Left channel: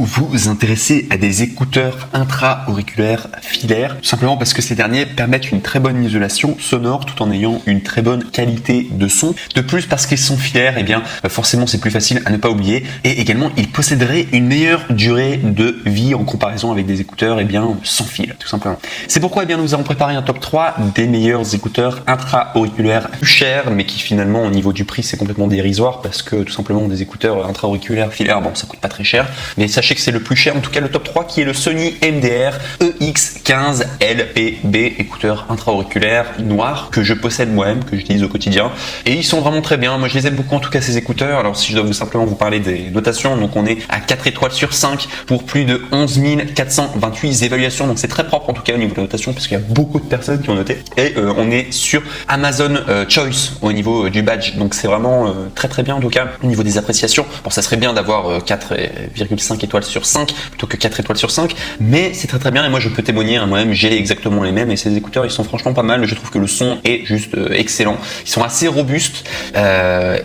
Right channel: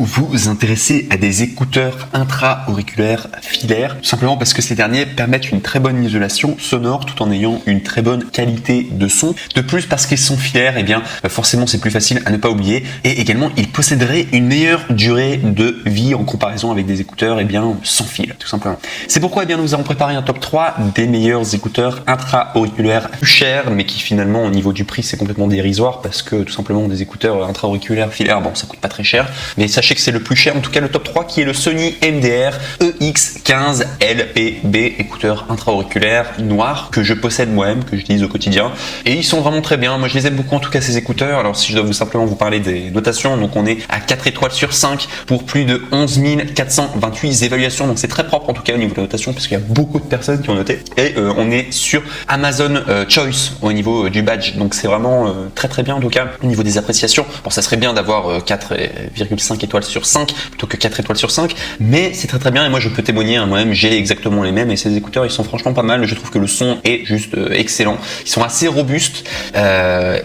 vous intéressez à des écouteurs intra-auriculaires filaires, tout simplement parce que ces derniers permettent une très bonne isolation sonore tout en ayant une très bonne qualité de son. De plus, parce qu'ils sont filaires, et bien forcément c'est plus facile à ne pas oublier, et également ils posséderaient une meilleure durée de vie en comparaison avec des écouteurs sans fil, tout simplement. C'est pourquoi nous avons préparé un top 3 des meilleurs écouteurs intra-auriculaires plus chers, mais qui finalement au niveau du prix c'est complètement dérisoire parce que tout simplement des écouteurs intra-auriculaires filaires, bon ça coûte pas très cher, mais sachez que c'est le plus cher, en tout cas le top 3 qui est le Sony MDR EX15 LPB, écouteurs intra-auriculaires noirs que je possède moi-même, que j'utilise au quotidien, et ils sont vraiment très bien. Moi je les aime beaucoup en tout cas ces écouteurs. Alors si je dois simplement vous parler des notations, donc on est à 4 étoiles sur 5 pour plus de 11 428 évaluations, donc c'est très propre en tout cas au niveau de la notation parce qu'il y a beaucoup de personnes qui ont noté, et on est sur Amazon Choice au niveau du badge, donc c'est vraiment très très bien en tout cas au niveau des appréciations. Bon, ça serait bien d'avoir 4,5 étoiles sur 5 plutôt que 4 étoiles sur 5, mais c'est très très bien, et moi je peux témoigner, moi-même j'ai exactement les mêmes, et ces écouteurs ils sont franchement pas mal. Je trouve que le son est juste excellent, ils sont assez robustes,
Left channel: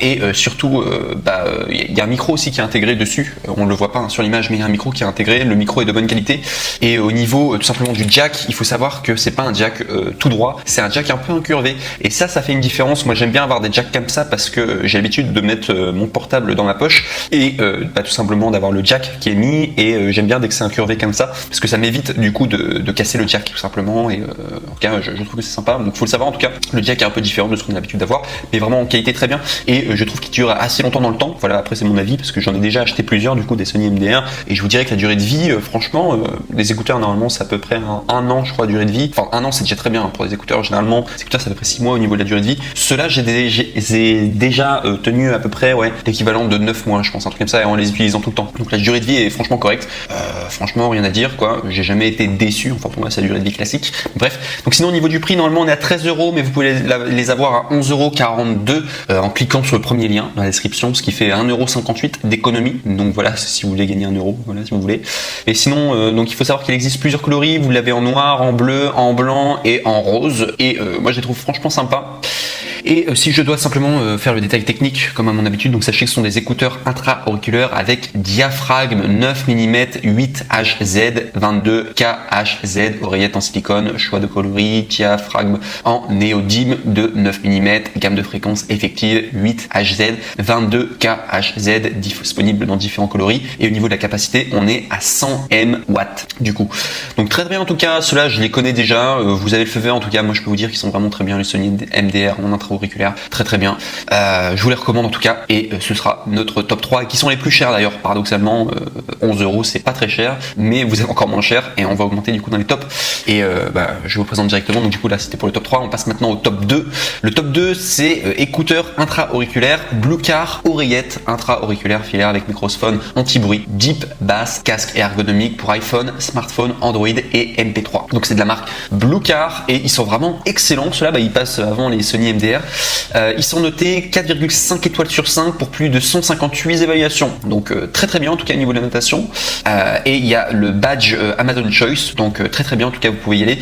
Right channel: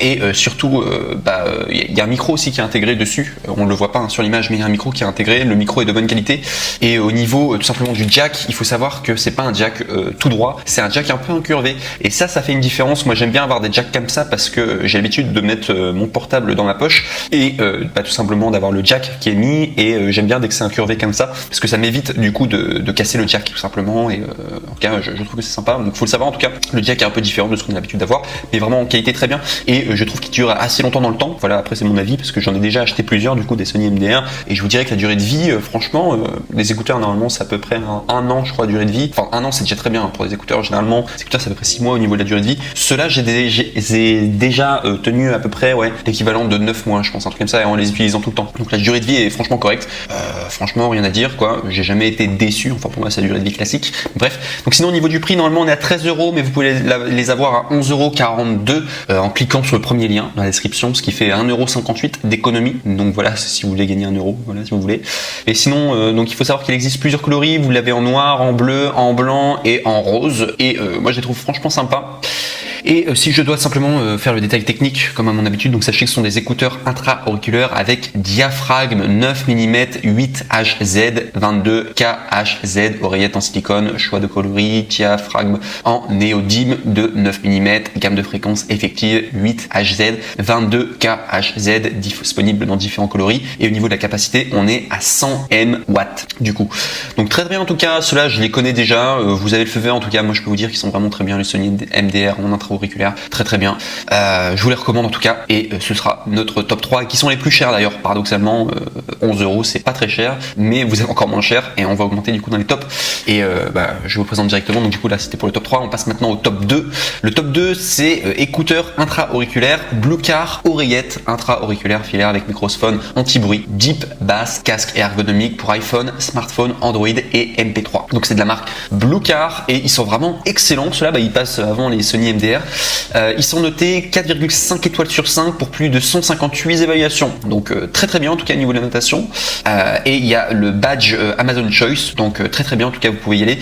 et surtout il y a un micro aussi qui est intégré dessus, on le voit pas sur l'image, mais il y a un micro qui est intégré, le micro est de bonne qualité, et au niveau tout simplement du jack, il faut savoir que c'est pas un jack tout droit, c'est un jack un peu incurvé, et ça fait une différence. Moi j'aime bien avoir des jacks comme ça parce que j'ai l'habitude de mettre mon portable dans la poche, et tout simplement d'avoir le jack qui est mis, et j'aime bien dès que c'est incurvé comme ça parce que ça m'évite du coup de casser le jack tout simplement, et en tout cas je trouve que c'est sympa. Donc faut le savoir, en tout cas le jack est un peu différent de ce qu'on a l'habitude d'avoir, mais vraiment en qualité très bien, et je trouve qu'il dure assez longtemps dans le temps. Voilà, après c'est mon avis parce que j'en ai déjà acheté plusieurs du coup des Sony MDR, et je vous dirais que la durée de vie franchement les écouteurs normalement c'est à peu près un an je crois, durée de vie, enfin un an c'est déjà très bien pour les écouteurs, généralement les écouteurs c'est à peu près 6 mois au niveau de la durée de vie. Ceux-là j'ai déjà tenu à peu près l'équivalent de 9 mois je pense, un truc comme ça, en les utilisant tout le temps, donc la durée de vie est franchement correcte, franchement rien à dire quoi, j'ai jamais été déçu, enfin pour moi c'est la durée de vie classique. Bref, donc sinon au niveau du prix normalement on est à 13€, mais vous pouvez les avoir à 11,42€ en cliquant sur le premier lien dans la description, ce qui fait 1,58€ d'économie, donc voilà, si vous voulez gagner 1€, voilà si vous voulez. Et sinon donc il faut savoir qu'il existe plusieurs coloris, vous l'avez en noir, en bleu, en blanc et en rose, et moi je les trouve franchement sympas. Et si je dois simplement faire le détail technique comme à mon habitude, donc sachez que ce sont des écouteurs intra-auriculaires avec diaphragme 9 mm 8HZ 22KHZ, oreillette en silicone, choix de coloris, diaphragme en néodyme de 9 mm, gamme de fréquence effective 8HZ 22KHZ, disponible dans différents coloris, et au niveau de la capacité on est à 100 MW du coup. Donc très bien en tout cas, ceux-là je les connais déjà, vous avez le feu vert en tout cas, moi je peux vous dire qu'ils sont vraiment très bien les Sony MDR en intra-auriculaire, très très bien, je vous les recommande en tout cas, et ce sera notre top 3, et qui sont les plus chers d'ailleurs, paradoxalement 11€, c'est pas très cher, mais vous êtes encore moins cher, et on va augmenter du coup dans les tops, et je vous présente directement. Donc du coup là c'était pour le top 3, on passe maintenant au top 2. Le top 2 c'est écouteurs intra-auriculaires Bluecar, oreillette intra-auriculaire filaire avec microphone anti-bruit, deep, basse, casque ergonomique pour iPhone, smartphone, Android et MP3. Donc c'est de la marque Bluecar, et ils sont vraiment excellents. Ceux-là ils passent avant les Sony MDR. Ils sont notés 4,5 étoiles sur 5 pour plus de 158 évaluations, donc très très bien en tout cas au niveau de la notation, et il y a le badge Amazon Choice, donc très très bien en tout cas, vous pouvez y aller, et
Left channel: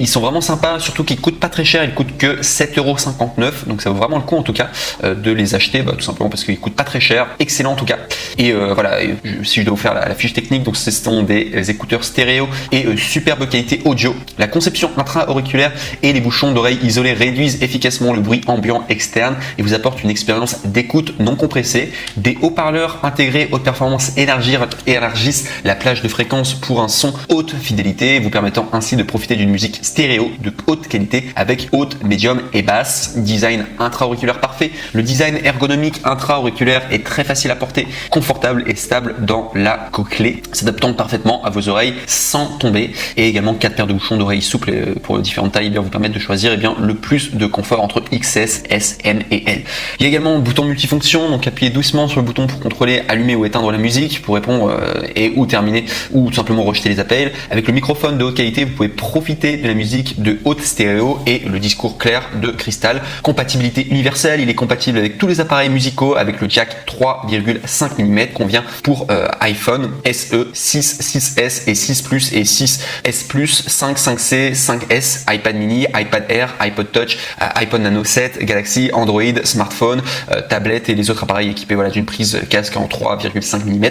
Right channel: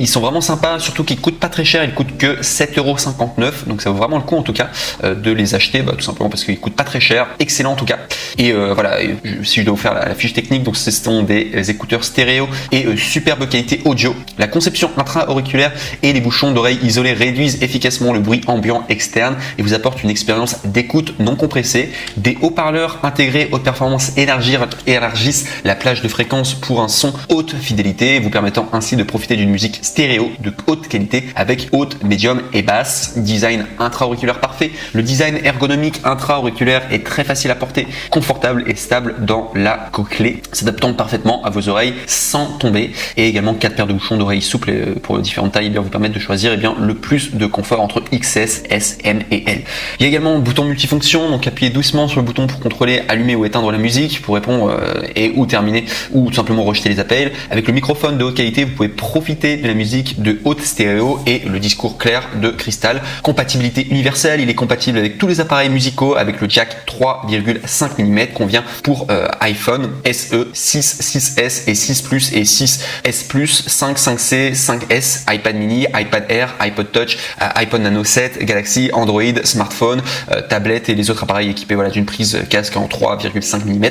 ils sont vraiment sympas, surtout qu'ils coûtent pas très cher, ils coûtent que 7,59€, donc ça vaut vraiment le coup en tout cas de les acheter, tout simplement parce qu'ils coûtent pas très cher, excellent en tout cas. Et voilà, si je dois vous faire la fiche technique, donc ce sont des écouteurs stéréo et superbe qualité audio, la conception intra-auriculaire et les bouchons d'oreilles isolés réduisent efficacement le bruit ambiant externe et vous apportent une expérience d'écoute non compressée. Des haut-parleurs intégrés haute performance élargissent la plage de fréquences pour un son haute fidélité, vous permettant ainsi de profiter d'une musique stéréo de haute qualité avec haute, médium et basse. Design intra-auriculaire parfait. Le design ergonomique intra-auriculaire est très facile à porter, confortable et stable dans la cochlée, s'adaptant parfaitement à vos oreilles sans tomber. Et également 4 paires de bouchons d'oreilles souples pour différentes tailles, vous permettent de choisir le plus de confort entre XS, S, M et L. Il y a également un bouton multifonction, donc appuyez doucement sur le bouton pour contrôler, allumer ou éteindre la musique, pour répondre ou terminer, ou tout simplement rejeter les appels. avec le microphone de haute qualité, vous pouvez profiter de la musique de haute stéréo et le discours clair de Crystal. Compatibilité universelle, il est compatible avec tous les appareils musicaux avec le jack 3,5 mm qu'on vient pour iPhone SE, 6, 6S et 6 Plus et 6S Plus, 5, 5C, 5S, iPad mini, iPad Air, iPod Touch, iPod Nano 7, Galaxy, Android, smartphone, tablette et les autres appareils équipés d'une prise casque en 3,5 mm.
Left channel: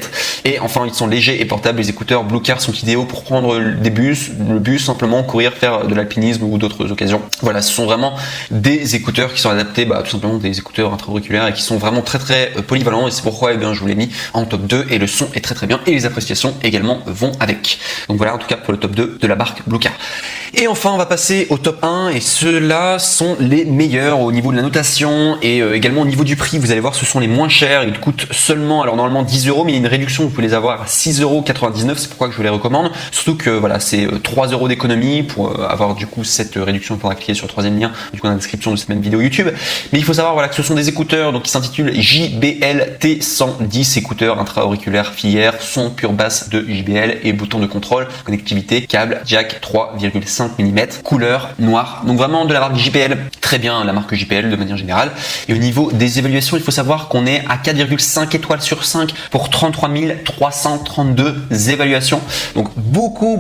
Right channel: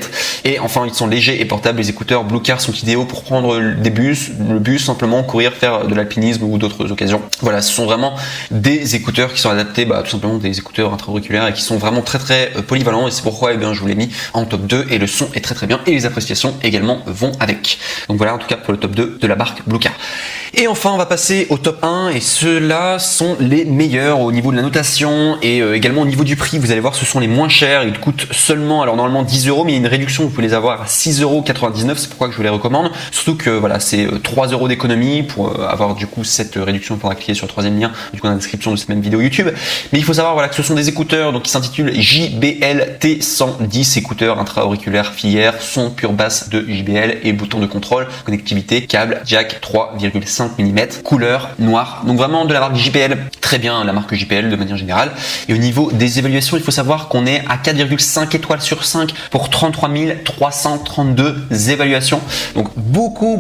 Et enfin, ils sont légers et portables. Les écouteurs Bluecard sont idéaux pour prendre le bus simplement, courir, faire de l'alpinisme ou d'autres occasions. Voilà, ce sont vraiment des écouteurs qui sont adaptés, tout simplement des écouteurs intra-auriculaires et qui sont vraiment très polyvalents, et c'est pourquoi je vous l'ai mis en top 2 et le son est très bien et les appréciations également vont avec. Donc voilà en tout cas pour le top 2 de la marque Bluecard. Et enfin, on va passer au top 1 et ceux-là sont les meilleurs au niveau de la notation et également au niveau du prix. Vous allez voir, ce sont les moins chers. Ils coûtent seulement, alors normalement 10 €, mais il y a une réduction. Vous pouvez les avoir à 6,99 €. C'est pourquoi je vous les recommande. Surtout que voilà, c'est 3 € d'économie pour avoir du coup cette réduction. Il faudra cliquer sur le troisième lien du coup dans la description de cette même vidéo YouTube. Mais il faut savoir voilà que ce sont des écouteurs donc qui s'intitulent JBL T110, écouteurs intra-auriculaires filière, son pure basse de JBL et bouton de contrôle, connectivité, câble, jack 3,5 mm, couleur noire. Donc vraiment de la marque JBL, très bien la marque JBL de manière générale. Et au niveau des évaluations, il faut savoir qu'on est à 4,5 étoiles sur 5 pour 33 332 évaluations. Donc beaucoup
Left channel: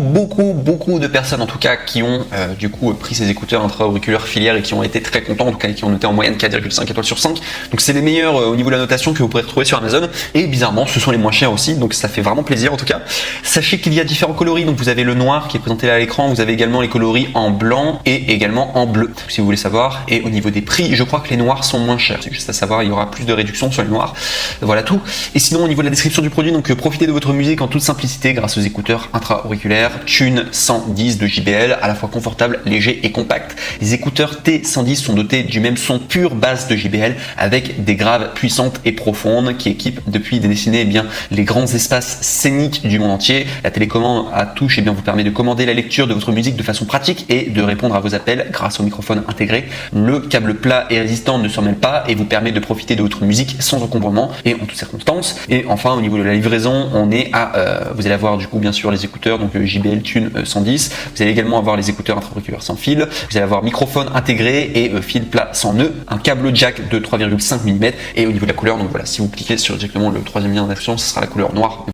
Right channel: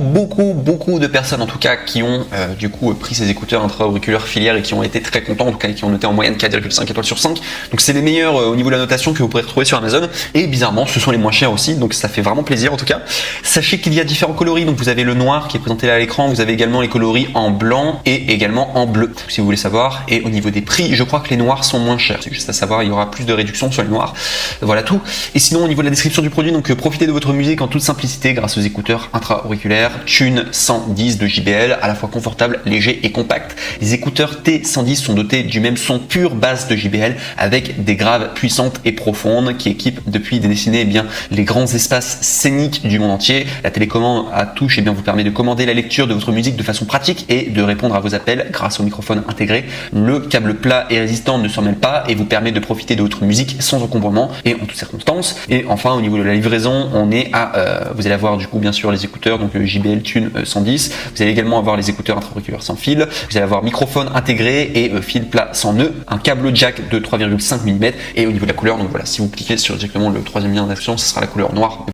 de personnes en tout cas qui ont du coup pris ces écouteurs intra-auriculaires filière et qui ont été très contents, en tout cas qui ont noté en moyenne 4,5 étoiles sur 5. Donc c'est les meilleurs au niveau de la notation que vous pouvez retrouver sur Amazon. Et bizarrement, ce sont les moins chers aussi, donc ça fait vraiment plaisir en tout cas. Sachez qu'il y a différents coloris, donc vous avez le noir qui est présenté là à l'écran, vous avez également les coloris en blanc et également en bleu, si vous voulez savoir. Et au niveau des prix, je crois que les noirs sont moins chers. C'est juste à savoir, il y aura plus de réduction sur les noirs. Voilà tout. Et sinon, au niveau de la description du produit, donc profitez de votre musique en toute simplicité grâce aux écouteurs intra-auriculaires Thune 110 de JBL, à la fois confortable, léger et compact. Les écouteurs T110 sont dotés du même son pure basse de JBL avec des graves puissantes et profondes qui équipent depuis des décennies les grands espaces scéniques du monde entier. La télécommande à touche vous permet de commander la lecture de votre musique de façon pratique et de répondre à vos appels grâce au microphone intégré. Le câble plat et résistant ne s'en mêle pas et vous permet de profiter de votre musique sans encombrement et en toutes circonstances. Et enfin, au niveau de la livraison, on est à, vous allez avoir du coup bien sûr les écouteurs, donc le JBL Thune 110. Vous allez également avoir les écouteurs intra-auriculaires sans fil. Vous allez avoir microphone intégré et fil plat sans nœud, un câble jack de 3,5 mm et au niveau de la couleur, donc voilà, si vous cliquez sur directement le troisième lien d'action, ce sera la couleur noire.